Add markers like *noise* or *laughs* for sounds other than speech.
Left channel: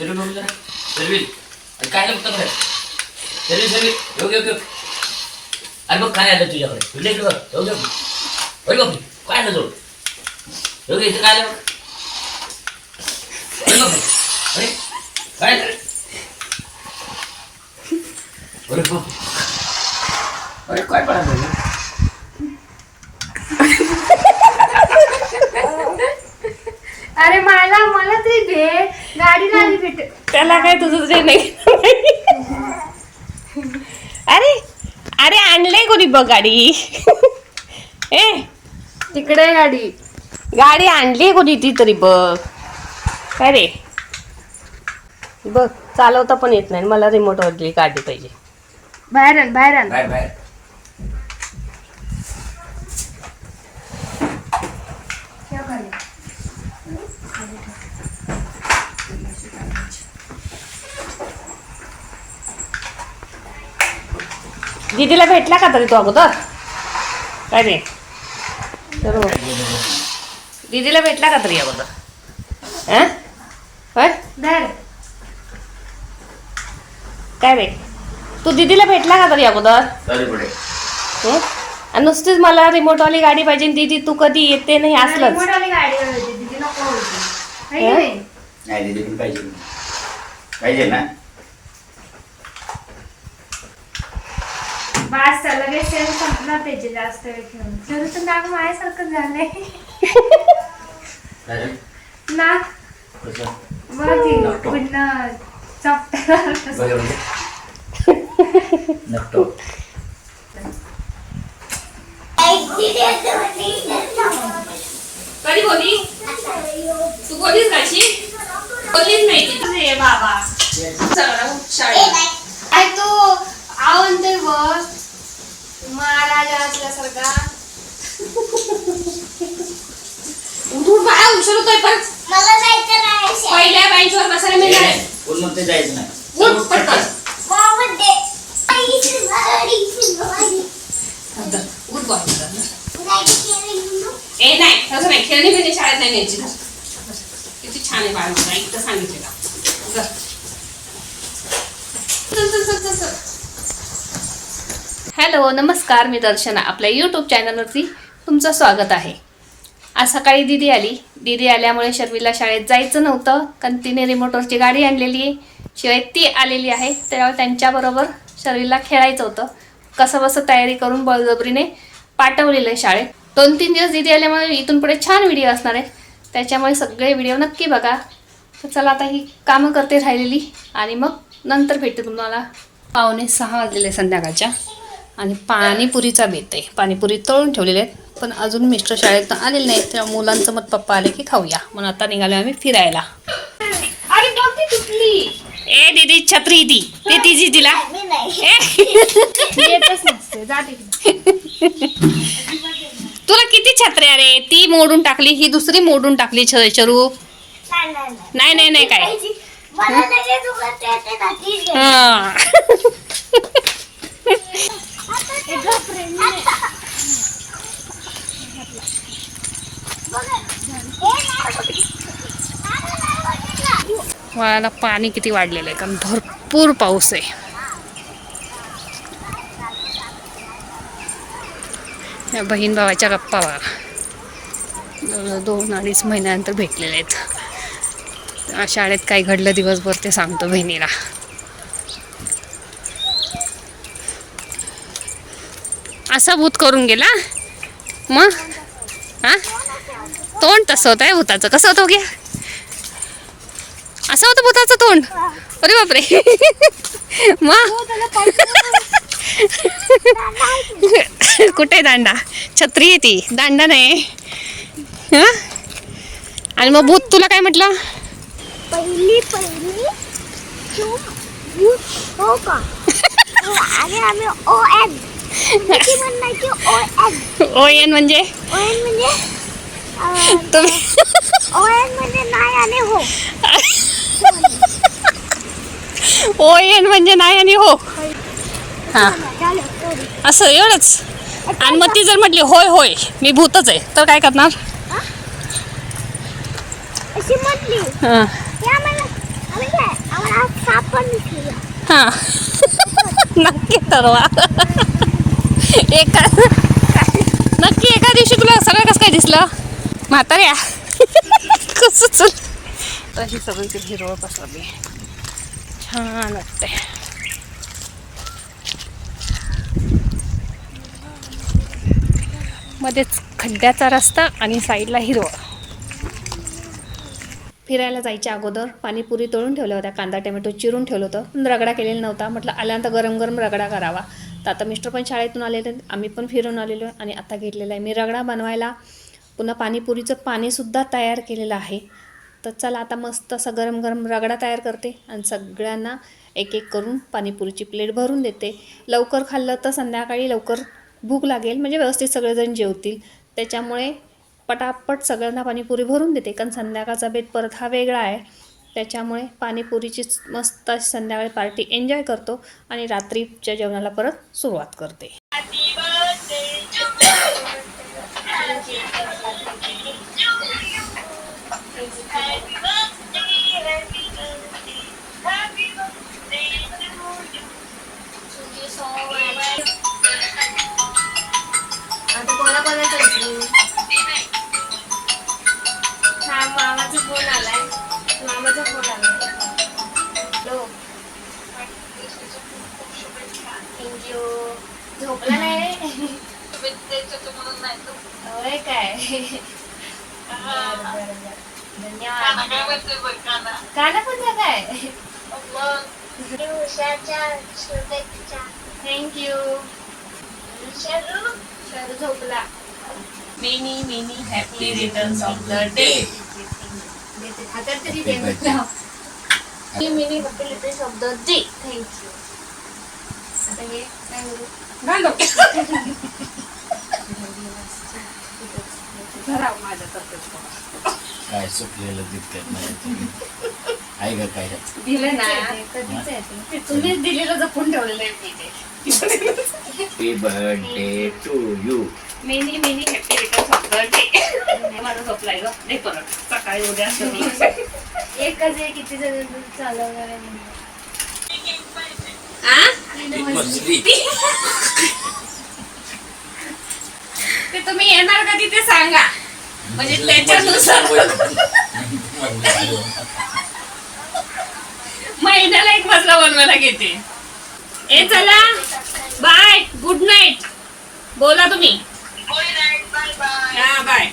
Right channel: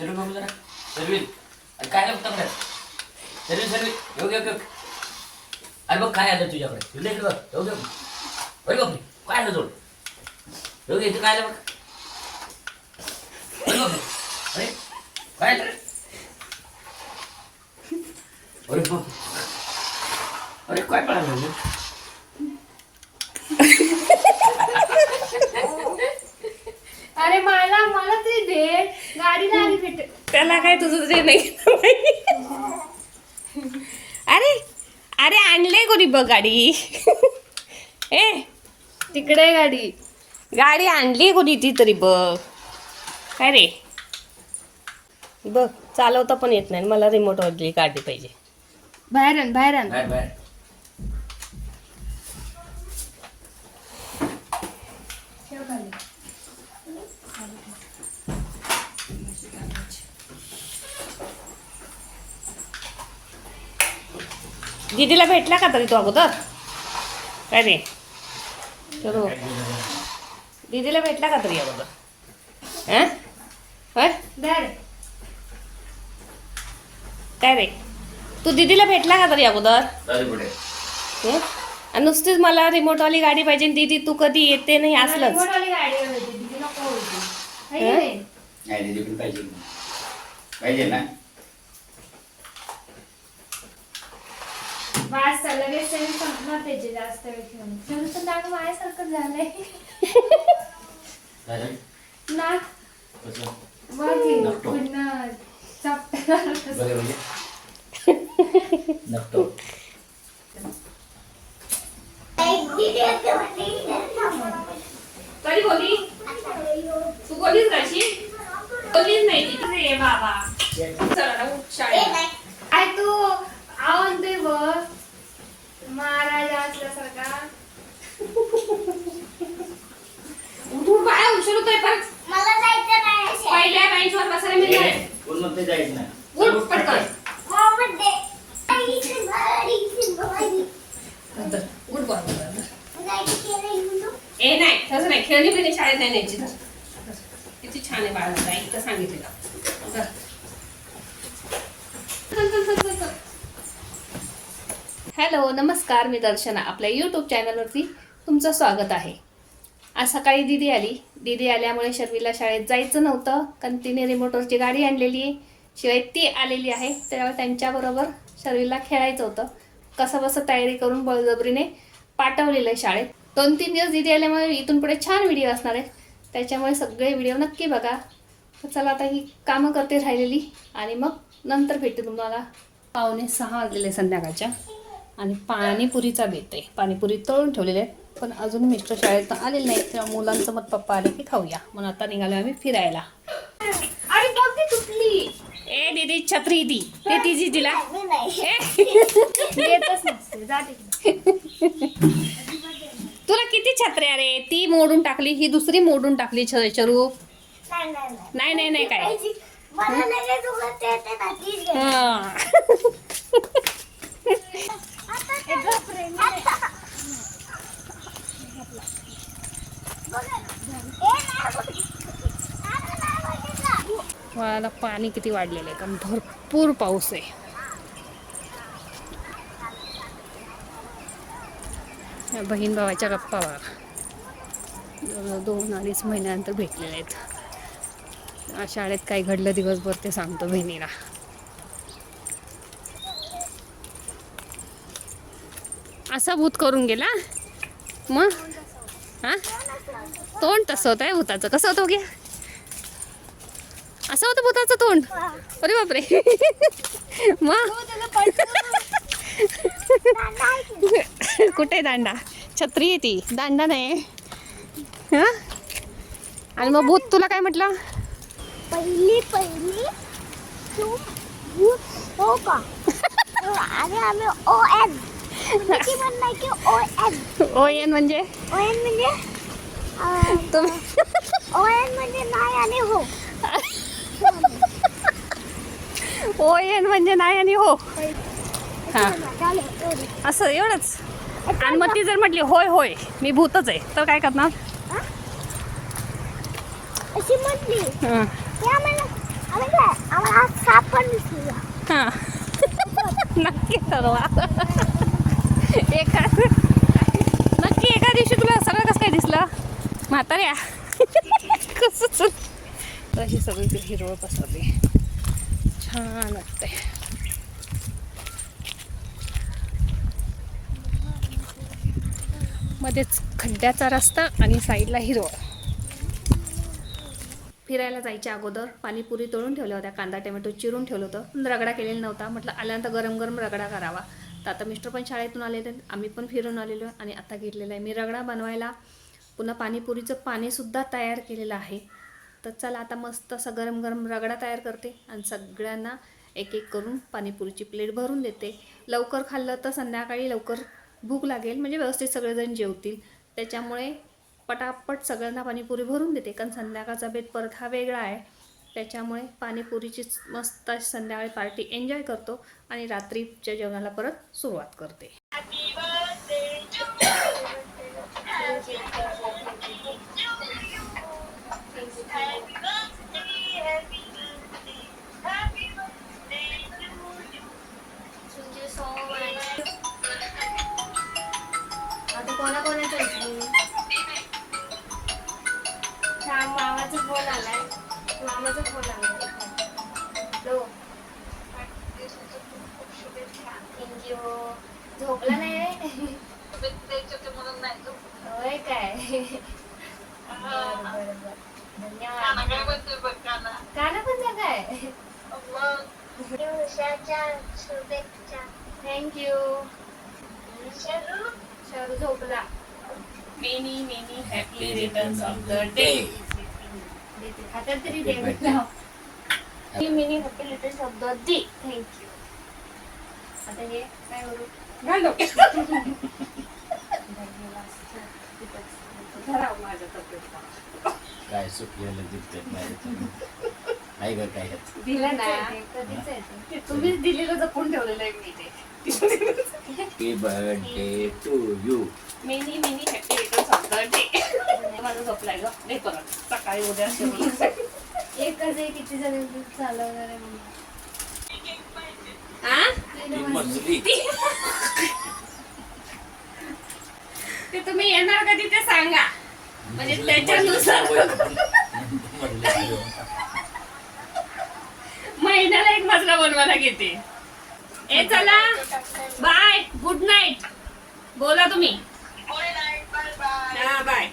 सर्वी बघू जरा सर्वी अरे काय आलं बघता बरं सर्वी सर्वी योग्य योग्य अरे बघ काय आलं तुझ्याकडे तुझ्या इकडे बघ योग्य अरे बघ काय आलं जोड योग्य इथं काय आलं बघ अरे बघ अरे काय आलं? अरे बघ अरे काय पडायला अरे मला मला तरी भेट. गाडी गाडी भेट. त्याला काय तुझं जे नाही. अरे अरे आणलंय कोणी बघ गाडी. ए तिकडे आहे गाडी. गाडी आणली कोणी ती तरी बघ. काय रे? बघ चालवता पण येत नाही. मला रिमोट वरली गाडी पाहिजे. बाहेर आण बाहेर आण. बाहेर बाहेर. दीदीला भेटला का तरी तो अगोदर? काय रे दीदीला भेटला का तरी अगोदर? हा? काय रे तू दीदीला भेटला का तरी अगोदर? हं? नुसतीच मला रिमोटवाली गाडी पाहिजे दीदी तू कधी येते नाही असलंच. मोठाली गाडी होती दीदी नको होती है की हा? नाही? नाही दिदी पण पाहिजे पाहिजे ना बास लगेच सेल संपला पाहिजे जास्त वेळ ठेवून तर नाक माझ्यासारखं झालंय. चालेल नाक. कसं? बघ की नकटो. पुन्हा चपटा बघा म्हणजे नक्तो कधी बोली तू बोलीस नाही ती. तुझे बाबा. चला शाळेत. आय तू आवडतोय बघ. उठून बाळा उशीर होतोय पण मला जायचं नाही. पहिल्या बेंचवर बसायला मिळणार आहे. कोण म्हणते जायचं नाही. उठ पटकन. उठ ए नाही तसं नाही. खेळणी बिळणी शाळेत नाही न्यायची ना. किती छान आहे बाळ मला एकदा सांगितलं का चल चल चल चल चल. हॅलो नमस्कार मी दर्शना. आपल्या यूट्यूब चॅनलवरती तुमचं स्वागत आहे. आज सकाळी दिदी आली. दिदी आल्यामुळे शर्मीला शाळेत जायचं नव्हतं कारण तिने रिमोटवरची गाडी आणलेली आहे. शिवाय ती आलेली आहे त्यामुळे त्यांच्याबरोबर शर्मीला खेळायचं होतं. कसं बसं तयारी करून बळजबरीने पाठवलेलं आहे शाळेत. दोन तीन दिवस दिदी आल्यामुळे इथून पुढे छान व्हिडिओ असणार आहेत. त्याच्यामुळे सगळे व्हिडिओ नक्की बघा. तर चला आता ही कामं करते राहिलेली आणि मग नंतर भेटते तुम्हाला. पावणे सहा वाजलेले संध्याकाळच्या आणि पाणीपुरीचा बेत आहे. पाणीपुरी तळून ठेवलेले आहेत. पण अजून मिस्टर शाळेत आलेले नाहीत तेव्हा मुलांचं मत पप्पा आले की खाऊया. म्हणून आता निघालो आम्ही फिरायला. अरे ए दीदी छत्री ती. ते तिची तिला नाही किती छत्र्या रे ती मोडून टाकली ही दुसरी मोडून टाकली छ- शरू नाही नाही, नाही नाही नाही नाही काय. हा. हे गप रे, मी नाही. बघा. हे नाही बघितलं. अरे नाही बघितलं. वाळाला पाणी किती वाढलेलं आहे. कारण भरपूर पाऊस आहे. या बहीण भावाच्या गप्पा बघा दोन अडीच महिन्यानंतर भेटलेले आहेत. शाळेत काय घडलं दिवसभर ते सांगतो बहिणीला. असा भूत करून गेला? मग? हा तोंड तसं होत आहे भूताचं. कसं होतं हो घ्या असं होतं भूताचं तोंड? अरे बापरे. मग कुठे दांडा? छत्री आहे ती. दांडा नाही. हं? आणि मग भूत तुला काय म्हटलं? पहिली पहिली. तू भूत हो का? आणि आम्ही ओ एन म्हणायची ओ एन ओ एन म्हणजे? ओ एन म्हणजे तुम्ही ओ एन हो, ओ एन म्हणजे नाही आणि हो. हां. असं एवढंच. आणि मग ती जर म्हटली होय होय मी भूतच आहे तर काय करणार? हां. हां. *laughs* नक्की तर वा एका नक्की एका दिवशी तुला सगळं कसं काय दिसलं? म्हाताऱ्या. *laughs* कसं चल तशी सगळं हिरवत असलं छान वाटते मध्येच खड्ड्याचा रस्ता आणि साईडला हिरवं. फिरायला जायच्या अगोदर पाणीपुरी तळून ठेवल्या होत्या कांदा टोमॅटो चिरून ठेवलं होतं. पण रगडा केलेला नव्हता म्हटलं आल्यानंतर गरम गरम रगडा करावा. तर आता मिस्टर पण शाळेतून आलेले आहेत, आम्ही पण फिरून आलेलो आहे आणि आता घेतलेला आहे. मी रगडा बनवायला पुन्हा पाणीपुरीचं पाणीसुद्धा तयार केलेलं आहे. तर चला आता मस्त असं गरम गरम रगडा तयार करते आणि सगळ्यांना एक एक करून पाणीपुरीची प्लेट भरून देते. लवकर खाल्लं तर संध्याकाळी लवकर भूक लागेल म्हणजे व्यवस्थित सगळेजण जेवतील. त्याच्यामुळे पटापट सगळ्यांना पाणीपुरी भरून देते कारण संध्याकाळचा बेत परत हा वेगळा आहे. त्याच्यामुळे पाणीपुरीची मस्त अशी संध्याकाळी पार्टी एन्जॉय करतो आणि रात्रीच्या जेवणाला परत सुरुवात करते. थँक्यू झोपला नाही रे. होय काय. धन्यवाद. कानापत्र काय थँक्यू शरू झोपला. Many many happy returns of the day देते हातात तरी दे म्हटलं. मिनी हॉटेल शब्द दे थँक्यू आता हे काय सुटलेलं तितकं नाही आहे का काय? दिलं ना. कधीच आहे ते. ते तुम्हीच दिलेलं जपून ठेवलेलं आहे मी ते. Happy birthday to you many many happy returns of the day माझा झोपलाय ग. दे परत. सकाळी उद्या. एकच आहे किती जण चालवणार हा? ते तुम्ही येणार कधी ते सांगा. म्हणजे त्याच्यानुसार. महिन्याला एक मजला बनवायला घेते. ए चला. बाय. गुड नाईट बोला तुम्ही. हा बाय